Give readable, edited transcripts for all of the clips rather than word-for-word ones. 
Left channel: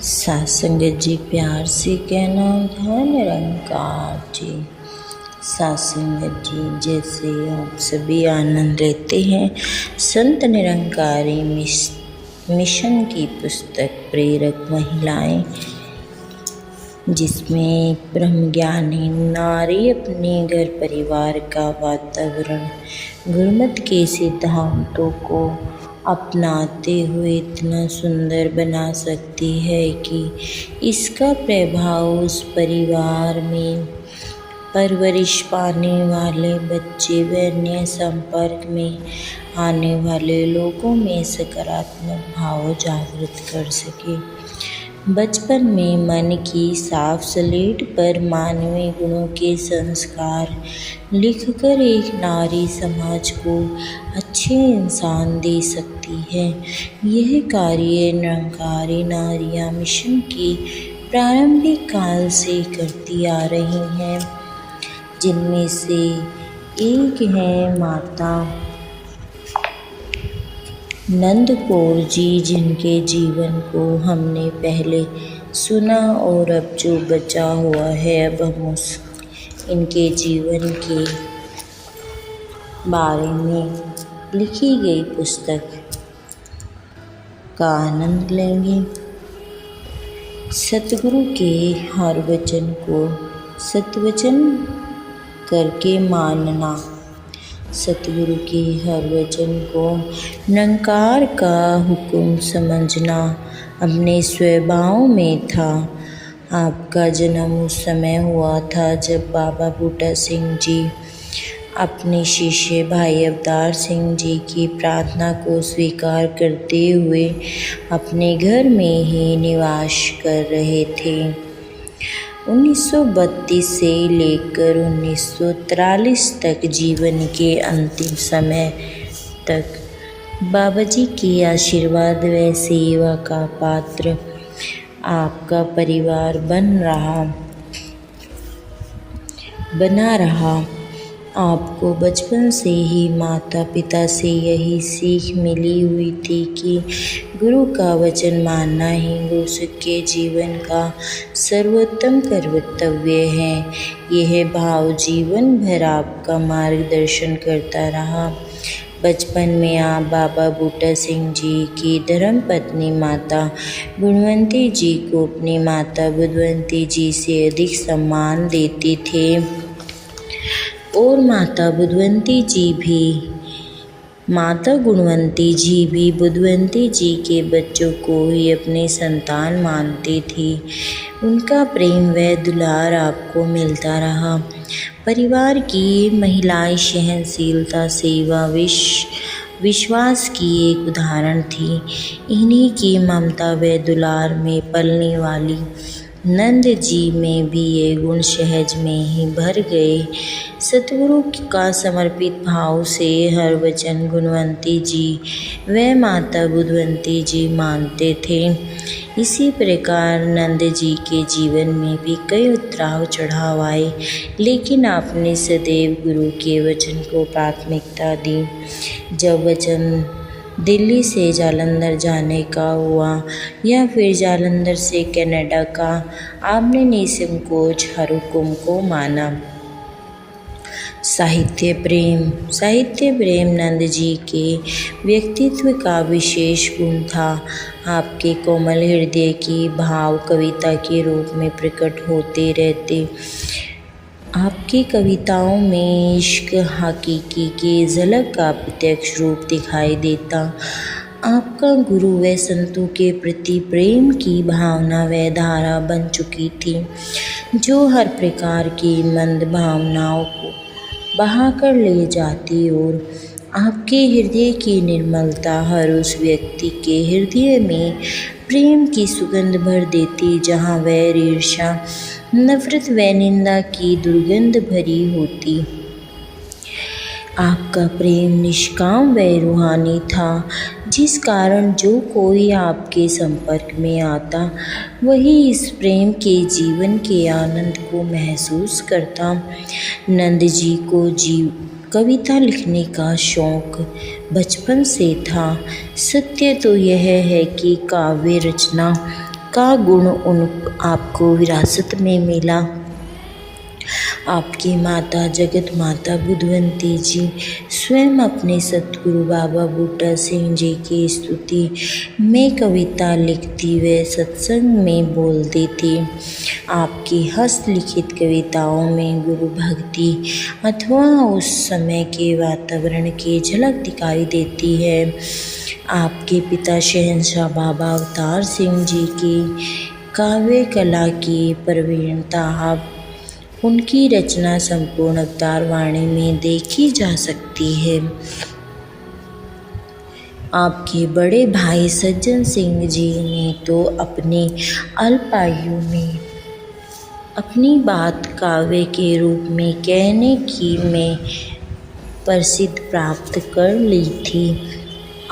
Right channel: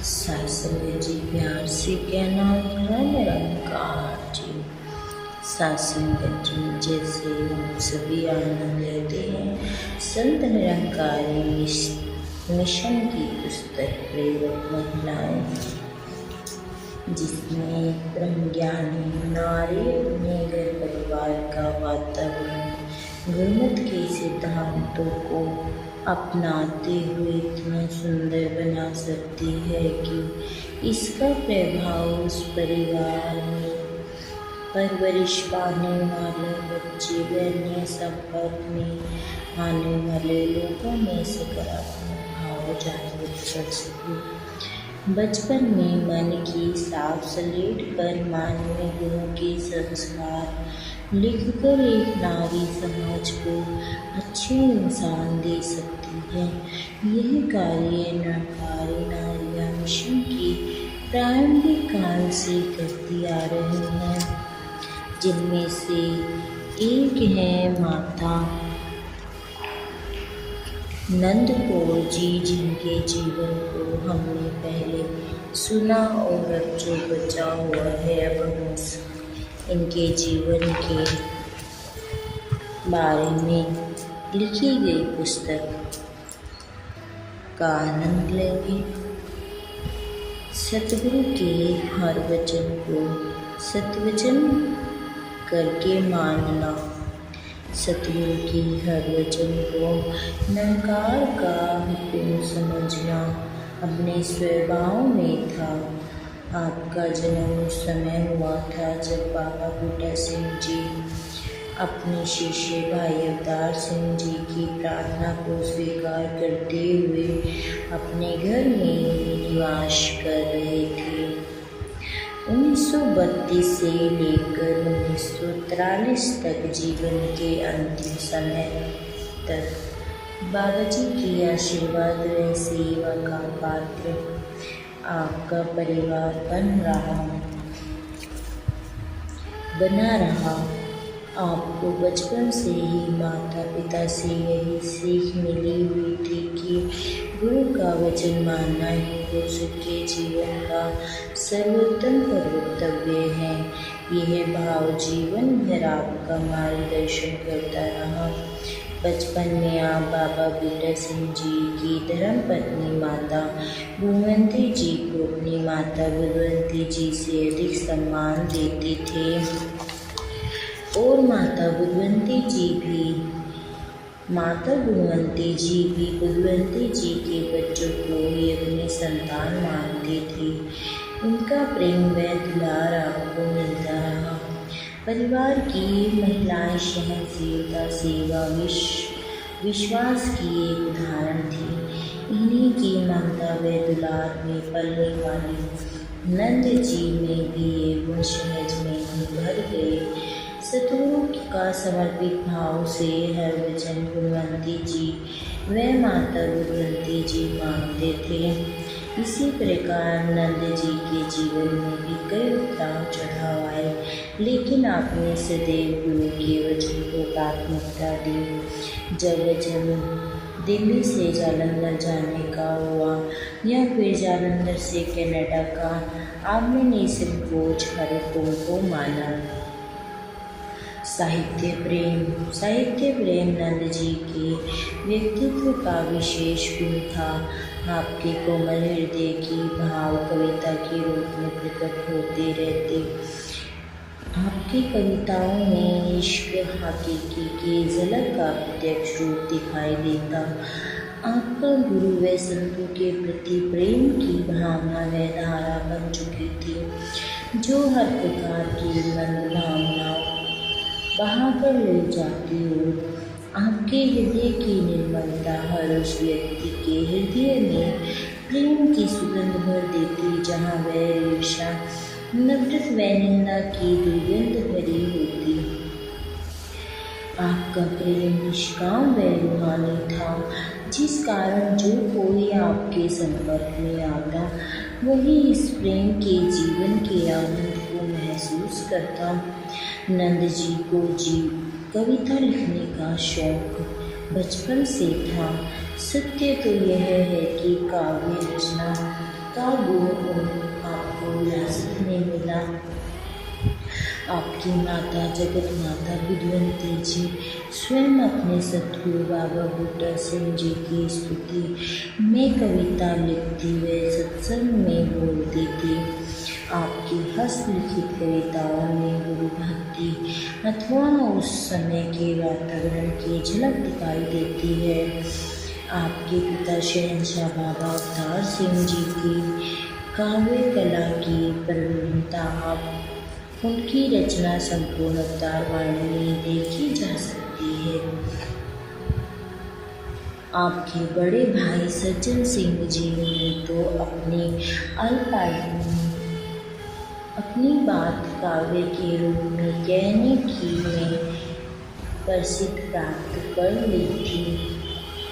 साथ संगत जी, प्यार से कहना था निरंकार जी। साथ संगत जी, जैसे आप सभी आनंद लेते हैं संत निरंकारी मिशन की पुस्तक प्रेरक महिलाएं, जिसमें एक ब्रह्मज्ञानी नारी अपने घर परिवार का वातावरण गुरुमत के सिद्धांतों को अपनाते हुए इतना सुंदर बना सकती है कि इसका प्रभाव उस परिवार में परवरिश पाने वाले बच्चे व अन्य संपर्क में आने वाले लोगों में सकारात्मक भाव जागृत कर सके। बचपन में मन की साफ स्लेट पर मानवीय गुणों के संस्कार लिखकर एक नारी समाज को अच्छे इंसान दे सकती है। यह कार्य निरंकारी नारियां मिशन के प्रारंभिक काल से करती आ रही हैं, जिनमें से एक है माता नंद कौर जी, जिनके जीवन को हमने पहले सुना और अब जो बचा हुआ है अब हम इनके जीवन के बारे में लिखी गई पुस्तक का आनंद लेंगे। सतगुरु के हर वचन को सतवचन करके मानना। सतगुरु के हर वचन को निरंकार का हुक्म समझना अपने स्वभाव में था। आपका जन्म उस समय हुआ था जब बाबा बूटा सिंह जी अपने शिष्य भाई अवतार सिंह जी की प्रार्थना को स्वीकार करते हुए अपने घर में ही निवास कर रहे थे। 1932 से लेकर 1943 तक जीवन के अंतिम समय तक बाबा जी के आशीर्वाद व सेवा का पात्र आपका परिवार बना रहा। आपको बचपन से ही माता पिता से यही सीख मिली हुई थी कि गुरु का वचन मानना ही गुरु के जीवन का सर्वोत्तम कर्तव्य है। यह भाव जीवन भर आपका मार्गदर्शन करता रहा। बचपन में आप बाबा बूटा सिंह जी की धर्मपत्नी माता गुणवंती जी को अपनी माता बुधवंती जी से अधिक सम्मान देते थे और माता गुणवंती जी भी बुधवंती जी के बच्चों को ही अपने संतान मानती थी। उनका प्रेम व दुलार आपको मिलता रहा। परिवार की महिलाएं सहनशीलता, सेवा, विश्वास की एक उदाहरण थी। इन्हीं की ममता व दुलार में पलने वाली नंद जी में भी ये गुण सहज में ही भर गए। सतगुरु का समर्पित भाव से हर वचन गुणवंती जी व माता बुधवंती जी मानते थे। इसी प्रकार नंद जी के जीवन में भी कई उतराव चढ़ाव आए, लेकिन आपने सदैव गुरु के वचन को प्राथमिकता दी। जब वचन दिल्ली से जालंधर जाने का हुआ या फिर जालंधर से कनाडा का, आपने निसंकोच हर हुक्म को माना। साहित्य प्रेम नंद जी के व्यक्तित्व का विशेष गुण था। आपके कोमल हृदय की भाव कविता के रूप में प्रकट होते रहते। आपकी कविताओं में इश्क हकीकी की झलक का प्रत्यक्ष रूप दिखाई देता। आपका गुरु व संतों के प्रति प्रेम की भावना व धारा बन चुकी थी, जो हर प्रकार की मंद भावनाओं को बहाकर ले जाती और आपके हृदय की निर्मलता हर उस व्यक्ति के हृदय में प्रेम की सुगंध भर देती जहाँ वैर, ईर्ष्या, नफरत व निंदा की दुर्गंध भरी होती। आपका प्रेम निष्काम व रूहानी था, जिस कारण जो कोई आपके संपर्क में आता वही इस प्रेम के जीवन के आनंद को महसूस करता। नंद जी को कविता लिखने का शौक बचपन से था। सत्य तो यह है कि काव्य रचना का गुण आपको विरासत में मिला। आपकी माता जगत माता बुधवंती जी स्वयं अपने सतगुरु बाबा बूटा सिंह जी की स्तुति में कविता लिखती व सत्संग में बोलती थी। आपकी हस्तलिखित कविताओं में गुरु भक्ति अथवा उस समय के वातावरण की झलक दिखाई देती है। आपके पिता शहंशाह बाबा अवतार सिंह जी की काव्य कला की प्रवीणता उनकी रचना संपूर्ण अवतार वाणी में देखी जा सकती है। आपके बड़े भाई सज्जन सिंह जी ने तो अपनी अल्पायु में अपनी बात काव्य के रूप में कहने की में प्रसिद्धि प्राप्त कर ली थी।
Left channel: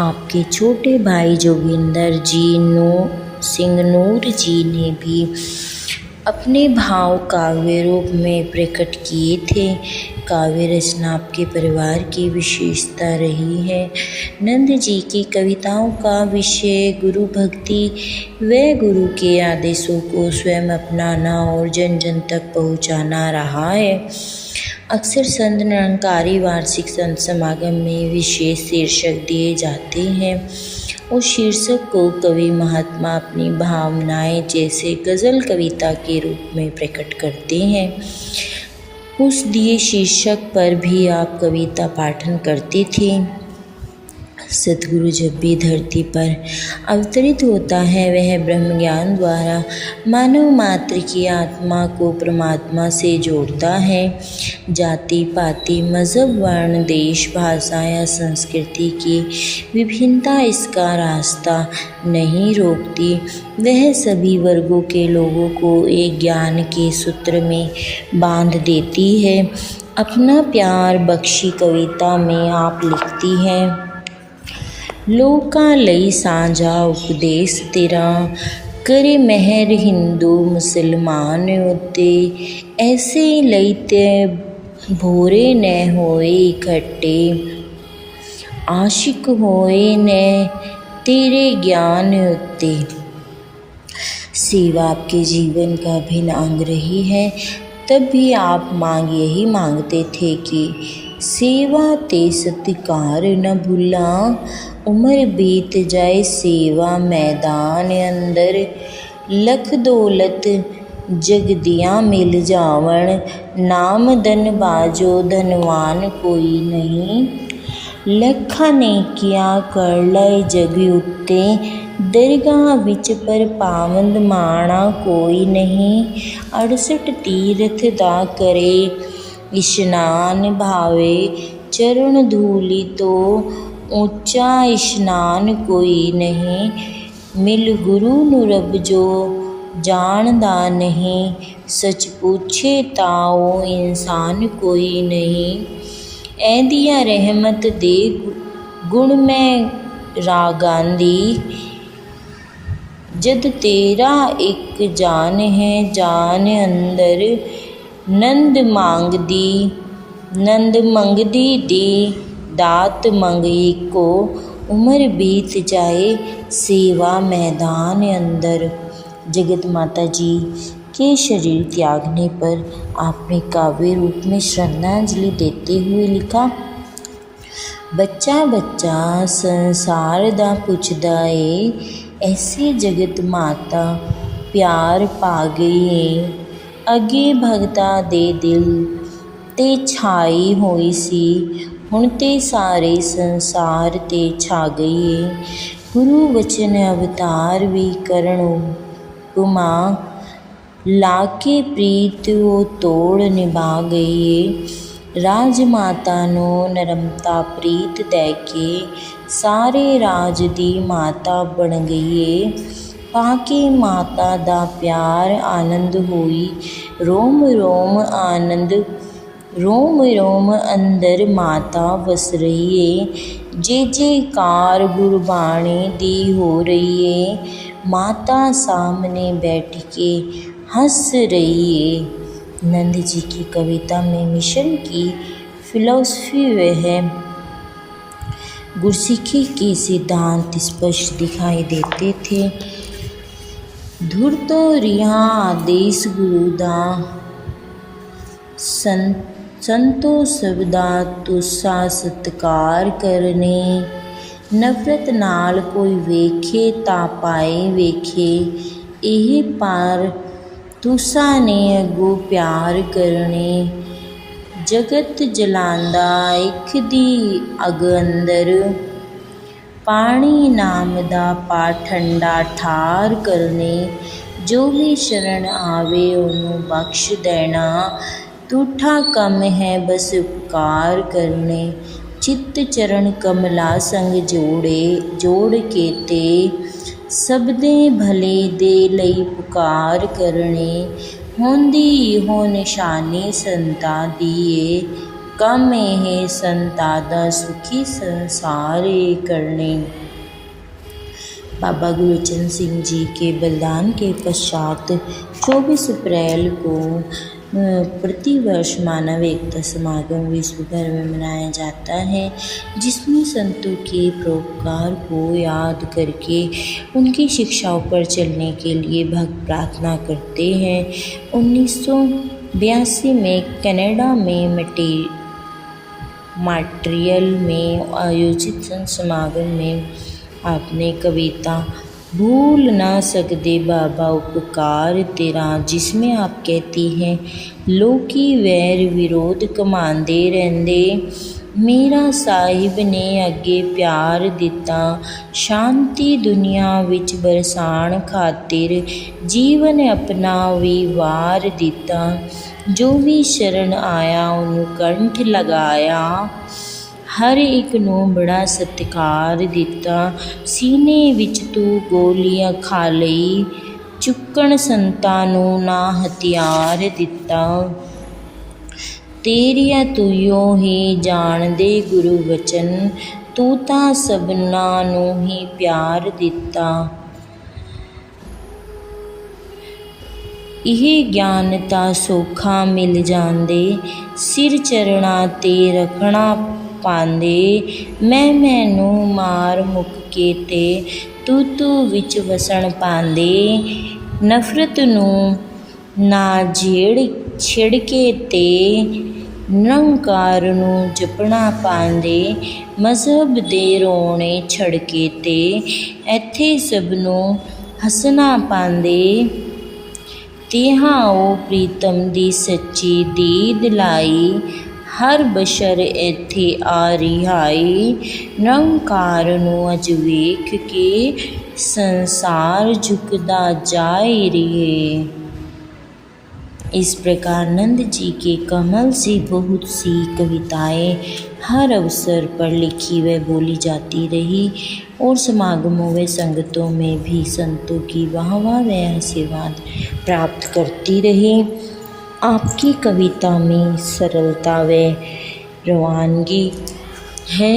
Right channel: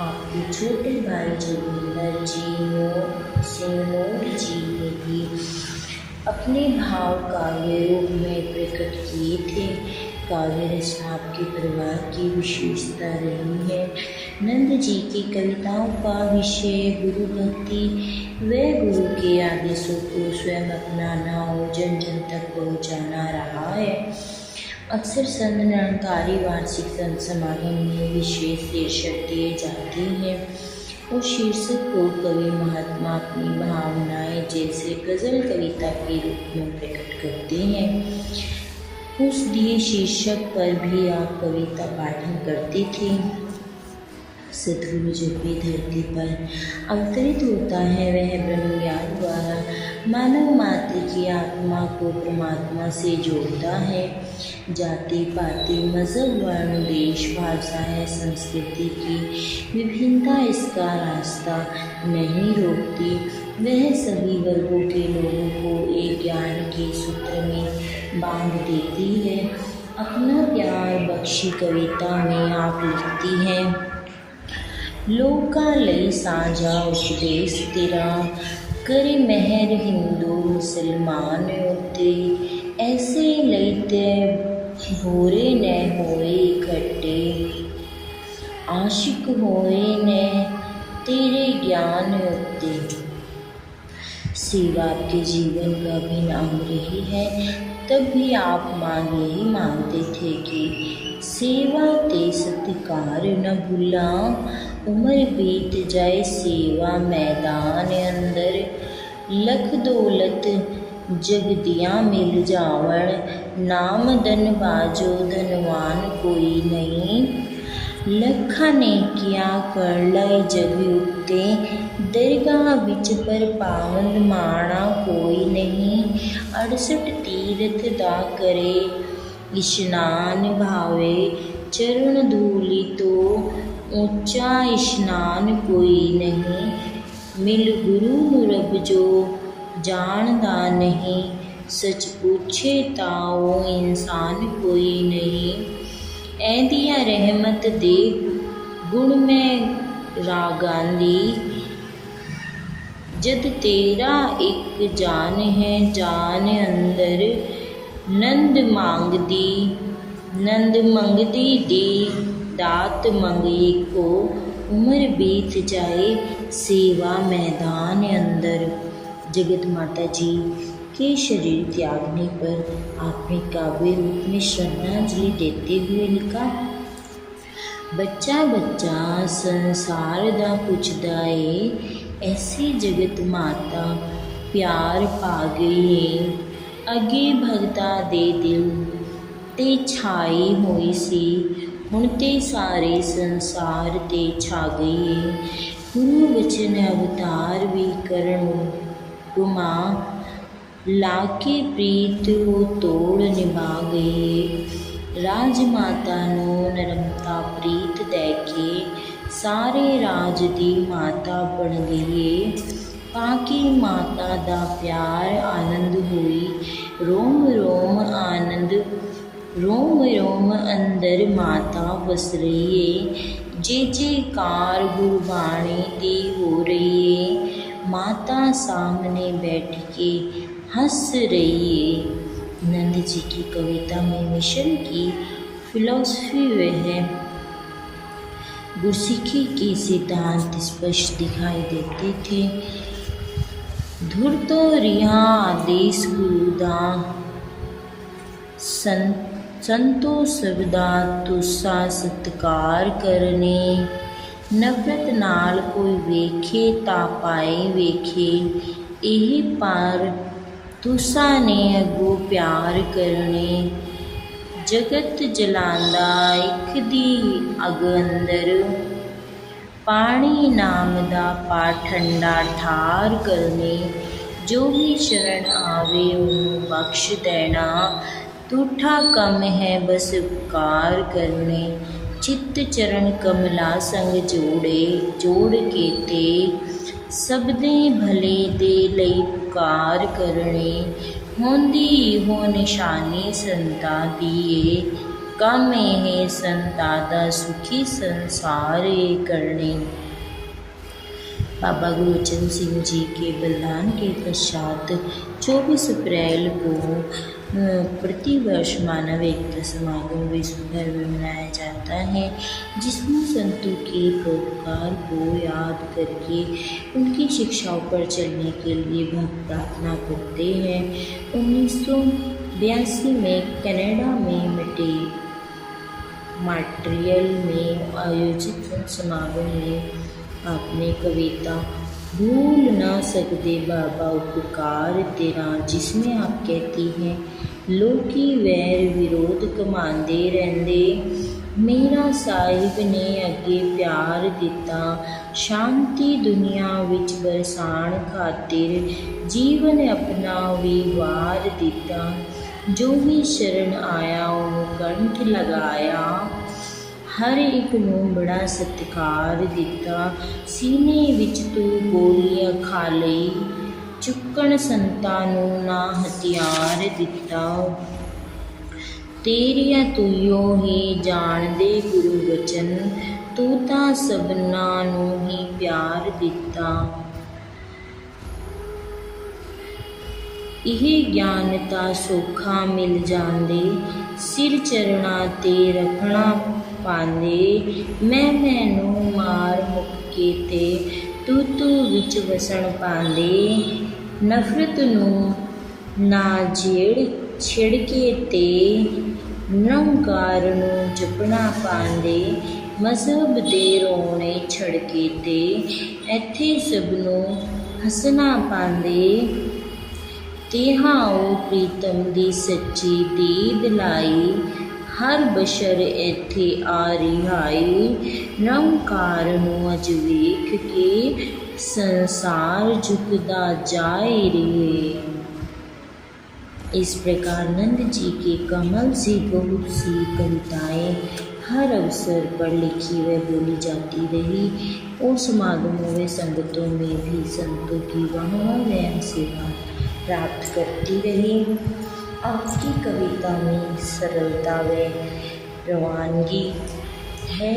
आपके छोटे भाई जोगिंदर सिंह नूर जी ने भी अपने भाव काव्य रूप में प्रकट किए थे। काव्य रचना आपके परिवार की विशेषता रही है। नंद जी की कविताओं का विषय गुरु भक्ति व गुरु के आदेशों को स्वयं अपनाना और जन जन तक पहुँचाना रहा है। अक्सर संत निरंकारी वार्षिक संत समागम में विशेष शीर्षक दिए जाते हैं। उस शीर्षक को कवि महात्मा अपनी भावनाएं जैसे गज़ल कविता के रूप में प्रकट करते हैं। उस दिए शीर्षक पर भी आप कविता पाठन करते थे। सतगुरु जब भी धरती पर अवतरित होता है वह ब्रह्म ज्ञान द्वारा मानव मात्र की आत्मा को परमात्मा से जोड़ता है। जाति पाति मज़हब वर्ण देश भाषा या संस्कृति की विभिन्नता इसका रास्ता नहीं रोकती। वह सभी वर्गों के लोगों को एक ज्ञान के सूत्र में बांध देती है। अपना प्यार बख्शी कविता में आप लिखती हैं, लोकां लई सांझा उपदेश तेरा करे मेहर हिंदू मुसलमान उत्ते ऐसे लईते भोरे न होए इकट्ठे आशिक होए न तेरे ज्ञान उत्ते। सेवा आपके जीवन का अभिन्न अंग रही है। तब भी आप यही मांगते थे कि सेवा ते सत्कार न भूला, उम्र बीत जाए सेवा मैदान अंदर, लख दौलत जग दिया मिल जावण, नाम धन बाजो धनवान कोई नहीं, लखा ने किया कर लय जग उत्ते, दरगाह विच पर पावंद माणा कोई नहीं, 68 तीरथ दा करे इशनान भावे, चरण धूलि तो ऊंचा इशनान कोई नहीं, मिल गुरु नु रब जो जानदा नहीं, सच पूछे ताओ इंसान कोई नहीं, ऐदिया रहमत दे गुण में रागांदी, जद तेरा एक जान है जान अंदर, नंद मंगदी दी दात मंगी को, उम्र बीत जाए सेवा मैदान अंदर। जगत माता जी के शरीर त्यागने पर आपने काव्य रूप में श्रद्धांजलि देते हुए लिखा, बच्चा बच्चा संसार दा पुछदा ए, ऐसी जगत माता प्यार पा गई है, अगे भगता दे दिल ते छाई होई सी, हुण ते सारे संसार ते छा गई है, गुरु वचन अवतार भी करणो तुमा, लाके प्रीत वो तोड़ निभा गई है, राजमाता नो नरमता प्रीत दैके, सारे राज दी माता बन गई है, पाके माता दा प्यार आनंद होई, रोम रोम आनंद रोम रोम अंदर माता वस रही है, जे जयकार गुरबाणी दी हो रही है, माता सामने बैठ के हंस रही है। नंद जी की कविता में मिशन की फिलॉसफी वह है गुरसिक्खी के सिद्धांत स्पष्ट दिखाई देते थे। धुर तो रिहा आदेश गुरु दा संतो सबदा तुसा सत्कार करने। नफरत नाल कोई वेखे ता पाए वेखे, एही पार तुसा ने अगो प्यार करने। जगत जलांदा इक दी अग अंदर, पानी नाम दा पा ठंडा ठार करने। जो भी शरण आवे ओनू बख्श देना, तूठा कम है बस उपकार करने। चित्त चरण कमला संग जोड़ के ते, सबदे भले दे लई पुकार करने। होंदी हो निशानी संता दिए, कम है संता दा सुखी संसार करने। बाबा गुरबचन सिंह जी के बलिदान के पश्चात 24 अप्रैल को प्रतिवर्ष मानव एकता समागम विश्व भर में मनाया जाता है, जिसमें संतों के परोपकार को याद करके उनकी शिक्षाओं पर चलने के लिए भक्त प्रार्थना करते हैं। 1982 में कनाडा में मॉन्ट्रियल में आयोजित संत समागम में आपने कविता भूल ना सकदे बाबा उपकार तेरा, जिसमें आप कहती हैं, लोकी वैर विरोध कमांदे रहंदे, मेरा साहिब ने अगे प्यार दिता, शांति दुनिया विच बरसान खातिर जीवन अपना भी वार दिता। जो भी शरण आया उन्हों कंठ लगाया, हर एक नूं बड़ा सत्कार दिता। सीने विच तू गोलियां खा लई, चुक्कण संतां नूं ना हथियार दिता। तेरिया तुइयो ही जाणदे गुरु वचन, तू तां सबनां नूं ही प्यार दिता। इह ज्ञान तां सौखा मिल जांदे, सिर चरणां ते रखना पांदे। मैं मार मुक्के ते तू विच वसण पांदे। नफरत नूं ना छिड़के ते निरंकार नूं जपना पांदे। मजहब दे रोणे छड़के ते इत्थे सबनूं हसना पांदे। तिहां ओ प्रीतम दी सच्ची दीद लाई, हर बशर इत्थे आ रिहाई। निरंकार नूं अज वेख के संसार झुकदा जाए रिहे। इस प्रकार नंद जी के कमल से बहुत सी कविताएं हर अवसर पर लिखी व बोली जाती रही और समागमों व संगतों में भी संतों की वाहवाह व आशीर्वाद प्राप्त करती रही। आपकी कविता में सरलता व रवानगी है।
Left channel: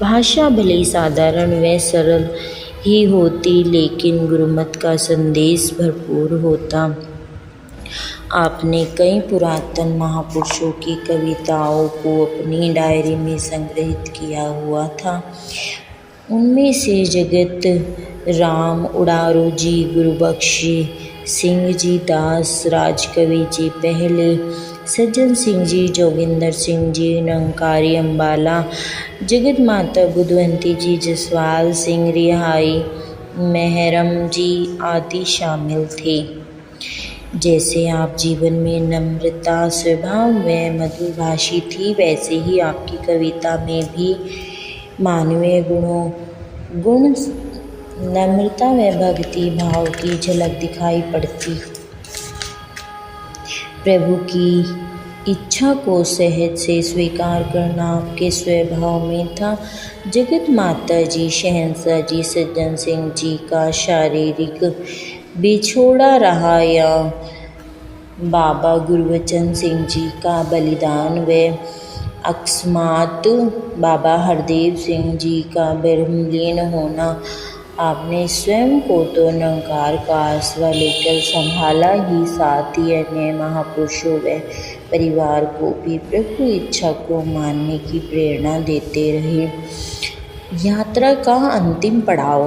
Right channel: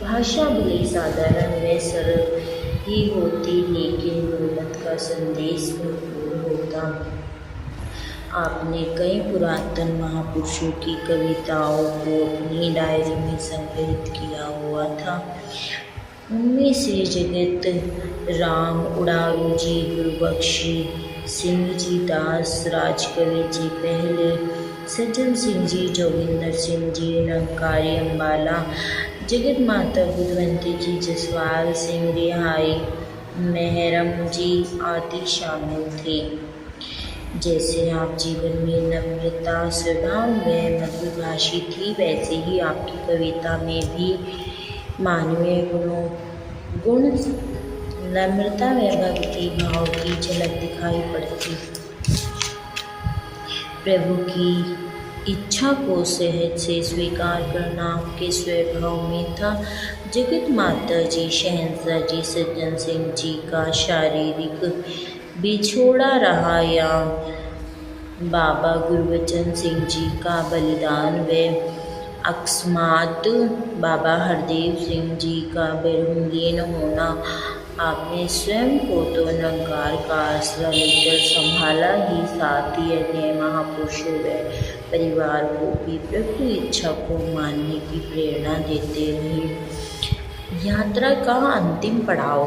भाषा भले साधारण व सरल ही होती, लेकिन गुरुमत का संदेश भरपूर होता। आपने कई पुरातन महापुरुषों की कविताओं को अपनी डायरी में संग्रहित किया हुआ था। उनमें से जगत राम उड़ारू जी, गुरुबख्शी सिंह जी, दास राजकवि जी पहले, सज्जन सिंह जी, जोगिंदर सिंह जी, निरंकारी अम्बाला, जगत माता बुधवंती जी, जसवाल सिंह रिहाई, मेहरम जी आदि शामिल थे। जैसे आप जीवन में नम्रता स्वभाव व मधुभाषी थी, वैसे ही आपकी कविता में भी मानवीय गुण नम्रता व भक्ति भाव की झलक दिखाई पड़ती। प्रभु की इच्छा को सहज से स्वीकार करना आपके स्वभाव में था। जगत माता जी, शहंशाह जी, सज्जन सिंह जी का शारीरिक बिछोड़ा रहा या बाबा गुरबचन सिंह जी का बलिदान व अकस्मात बाबा हरदेव सिंह जी का ब्रह्मलीन होना, आपने स्वयं को तो निरंकार का आसरा लेकर संभाला ही, साथ ही अन्य महापुरुषों व परिवार को भी प्रभु इच्छा को मानने की प्रेरणा देते रहे। यात्रा का अंतिम पड़ाव।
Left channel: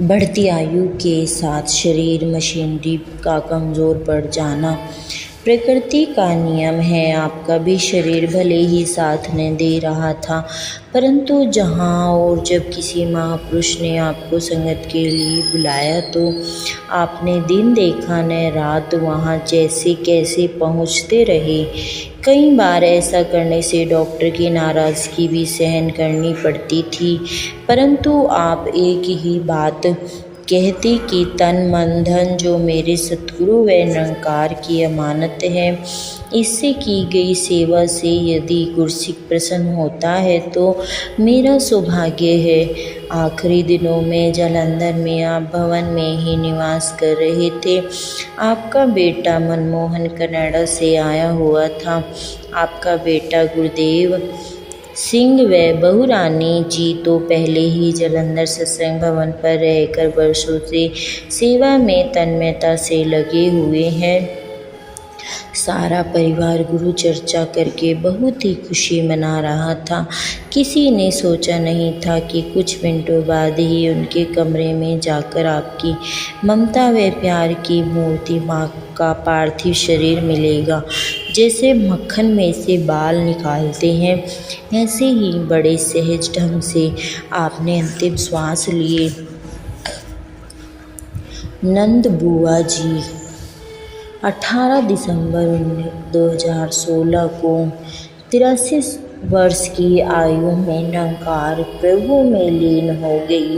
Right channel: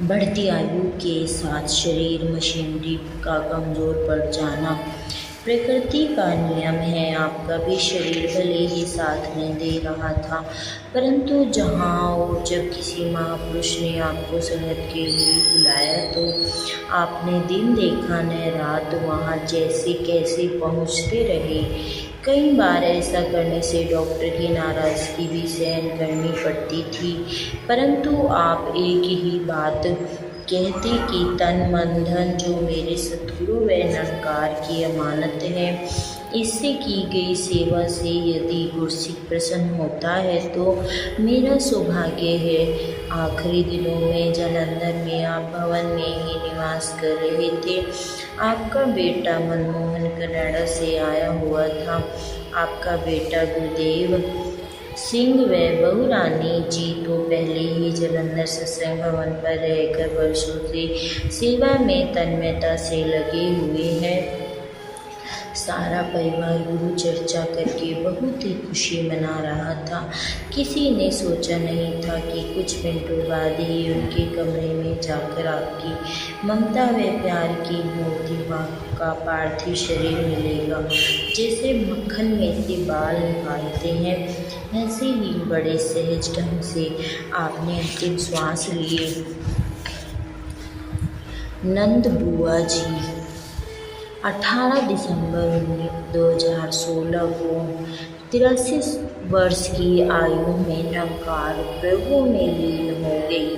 बढ़ती आयु के साथ शरीर मशीनरी का कमज़ोर पड़ जाना प्रकृति का नियम है। आपका भी शरीर भले ही साथ न दे रहा था, परंतु जहाँ और जब किसी महापुरुष ने आपको संगत के लिए बुलाया तो आपने दिन देखा न रात वहाँ जैसे कैसे पहुँचते रहे। कई बार ऐसा करने से डॉक्टर की नाराज़गी भी सहन करनी पड़ती थी, परंतु आप एक ही बात कहते कि तन मन धन जो मेरे सतगुरु व निरंकार की अमानत है, इससे की गई सेवा से यदि गुरसिक प्रसन्न होता है तो मेरा सौभाग्य है। आखिरी दिनों में जालंधर में आप भवन में ही निवास कर रहे थे। आपका बेटा मनमोहन कनाडा से आया हुआ था। आपका बेटा गुरुदेव सिंह व बहू रानी जी तो पहले ही जालंधर सत्संग भवन पर रहकर वर्षों से सेवा में तन्मयता से लगे हुए हैं। सारा परिवार गुरु चर्चा करके बहुत ही खुशी मना रहा था। किसी ने सोचा नहीं था कि कुछ मिनटों बाद ही उनके कमरे में जाकर आपकी ममता व प्यार की मूर्ति माँ का पार्थिव शरीर मिलेगा। जैसे मक्खन में से बाल निकालते हैं, ऐसे ही बड़े सहज ढंग से आपने अंतिम श्वास लिए। नंद बुआ जी 18 दिसंबर 2016 को 83 वर्ष की आयु में निरंकार प्रभु में लीन हो गई।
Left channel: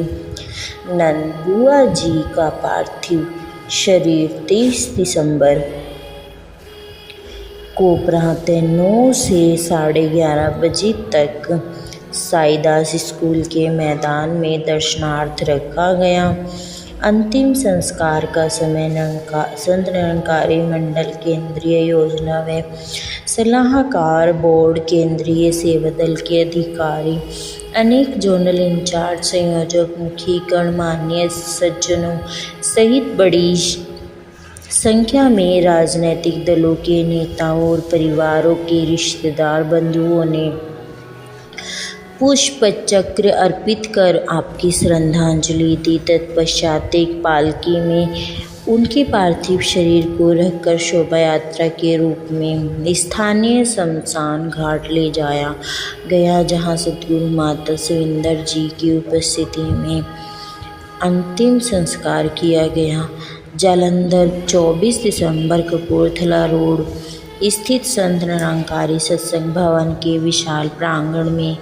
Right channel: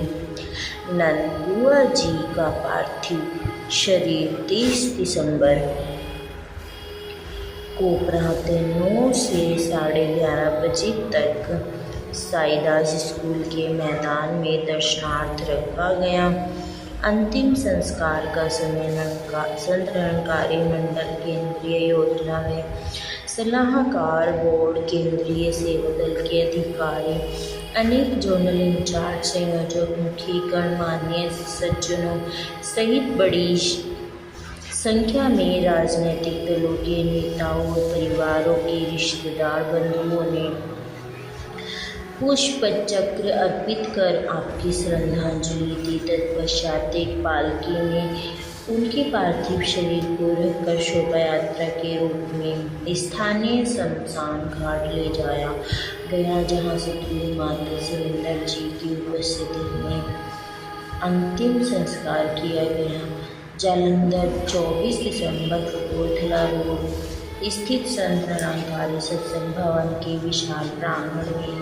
नंद बुआ जी का पार्थिव शरीर 23 दिसंबर को प्रातः 9 से 11:30 बजे तक साईदास स्कूल के मैदान में दर्शनार्थ रखा गया। अंतिम संस्कार का समय संत निरंकारी मंडल केंद्रीय योजना व सलाहकार बोर्ड केंद्रीय सेवा दल के अधिकारी अनेक जोनल इंचार्ज संयोजक मुखी गणमान्य सज्जनों सहित बड़ी संख्या में राजनीतिक दलों के नेताओं और परिवारों के रिश्तेदार बंधुओं ने पुष्प चक्र अर्पित कर आपकी श्रद्धांजलि दी। तत्पश्चात एक पालकी में उनके पार्थिव शरीर को रखकर शोभा यात्रा के रूप में स्थानीय शमशान घाट ले जाया गया, जहां सतगुरु माता सविंदर जी की उपस्थिति में अंतिम संस्कार किया गया। जालंधर 24 दिसंबर कपूरथला रोड स्थित संत निरंकारी सत्संग भवन के विशाल प्रांगण में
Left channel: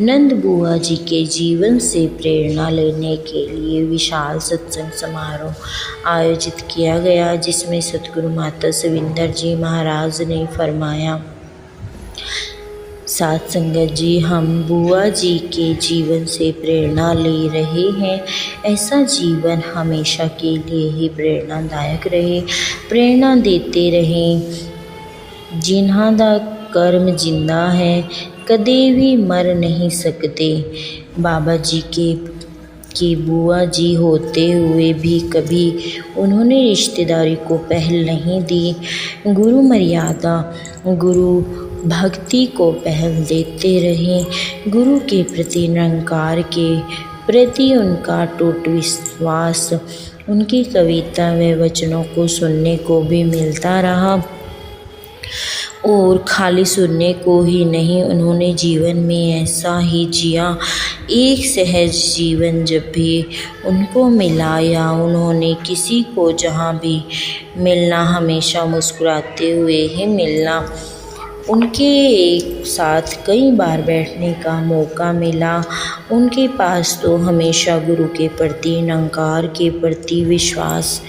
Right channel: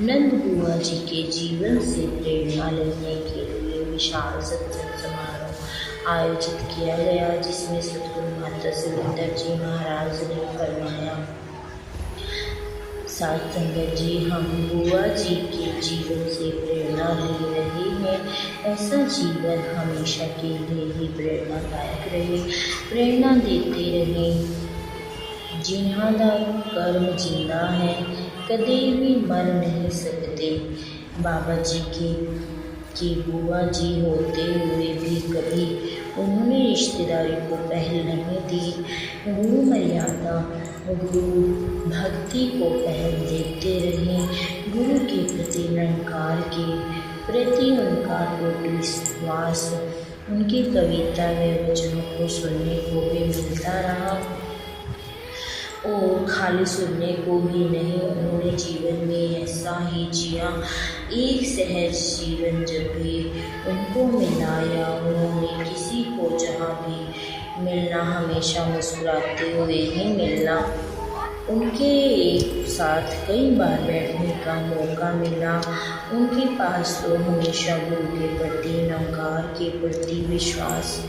नंद बुआ जी के जीवन से प्रेरणा लेने के लिए विशाल सत्संग समारोह आयोजित किया गया, जिसमें सतगुरु माता सविंदर जी महाराज ने फरमाया, साथ संगत जी, हम बुआ जी के जीवन से प्रेरणा ले रहे हैं। ऐसा जीवन हमेशा के लिए ही प्रेरणादायक रहे, प्रेरणा देते रहें। जिन्हां दा कर्म जिंदा है, कदे भी मर नहीं सकते। बाबा जी के बुआ जी होते हुए भी कभी उन्होंने रिश्तेदारी को पहल नहीं दी। गुरु मर्यादा, गुरु भक्ति को पहल देते रहे। गुरु के प्रति निरंकार के प्रति उनका अटूट विश्वास उनकी कविता व वचनों को सुनने को भी मिलता रहा, और खाली सुनने को ही नहीं, उन्होंने जीवन में ऐसा ही जिया। एक सहज जीवन जब भी उनको मिला या उन्होंने किसी को जहाँ भी मिलना, हमेशा मुस्कुराते हुए ही मिलना। उनके एक साथ कई बार बैठने का मौका मिला। उनके पास तो हमेशा गुरु के प्रति, निरंकार के प्रति विश्वास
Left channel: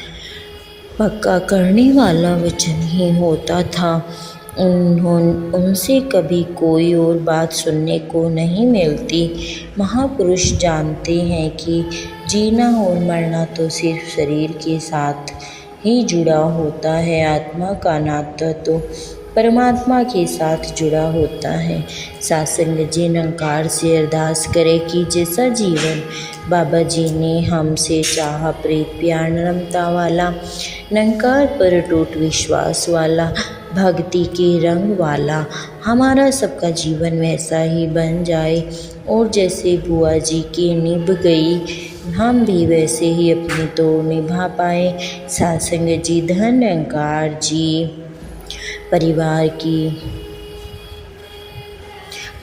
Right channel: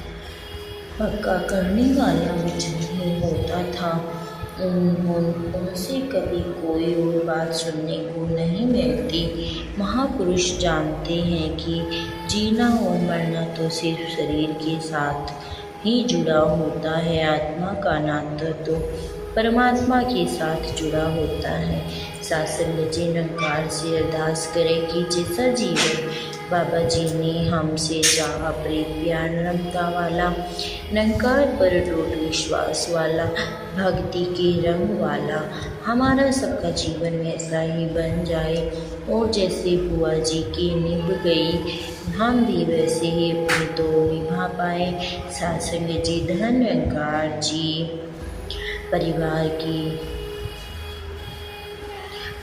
पक्का करने वाला वचन ही होता था। उनसे कभी कोई और बात सुनने को नहीं मिलती। महापुरुष जानते हैं कि जीना और मरना तो सिर्फ शरीर के साथ ही जुड़ा होता है, आत्मा का नाता तो परमात्मा के साथ जुड़ा होता है। सत्संग जी निरंकार से अरदास करें कि जैसा जीवन बाबा जी ने हमसे चाहा, प्रीत प्यार नम्रता वाला, निरंकार पर अटूट विश्वास वाला, भक्ति के रंग वाला हमारा सबका जीवन वैसा ही बन जाए, और जैसे बुआ जी की निभ गई हम भी वैसे ही अपनी तो निभा पाए। सत्संग जी, धन निरंकार जी, परिवार की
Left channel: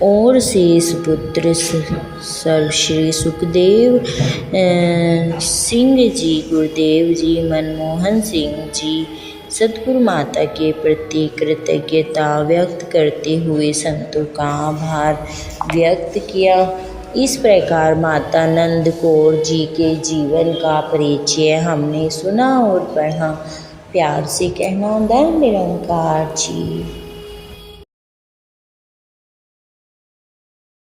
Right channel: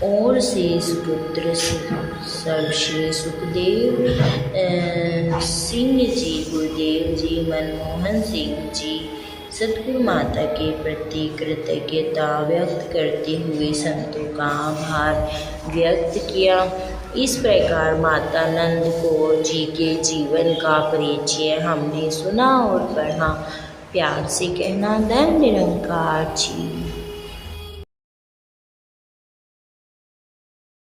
और शेष पुत्र सर्वश्री सुखदेव सिंह जी, गुरुदेव जी, मनमोहन सिंह जी, सतगुरु माता के प्रति कृतज्ञता व्यक्त करते हुए संतों का आभार व्यक्त किया। इस प्रकार माता नंद कौर जी के जीवन का परिचय हमने सुना और पढ़ा। प्यार से कहना, धन निरंकार जी।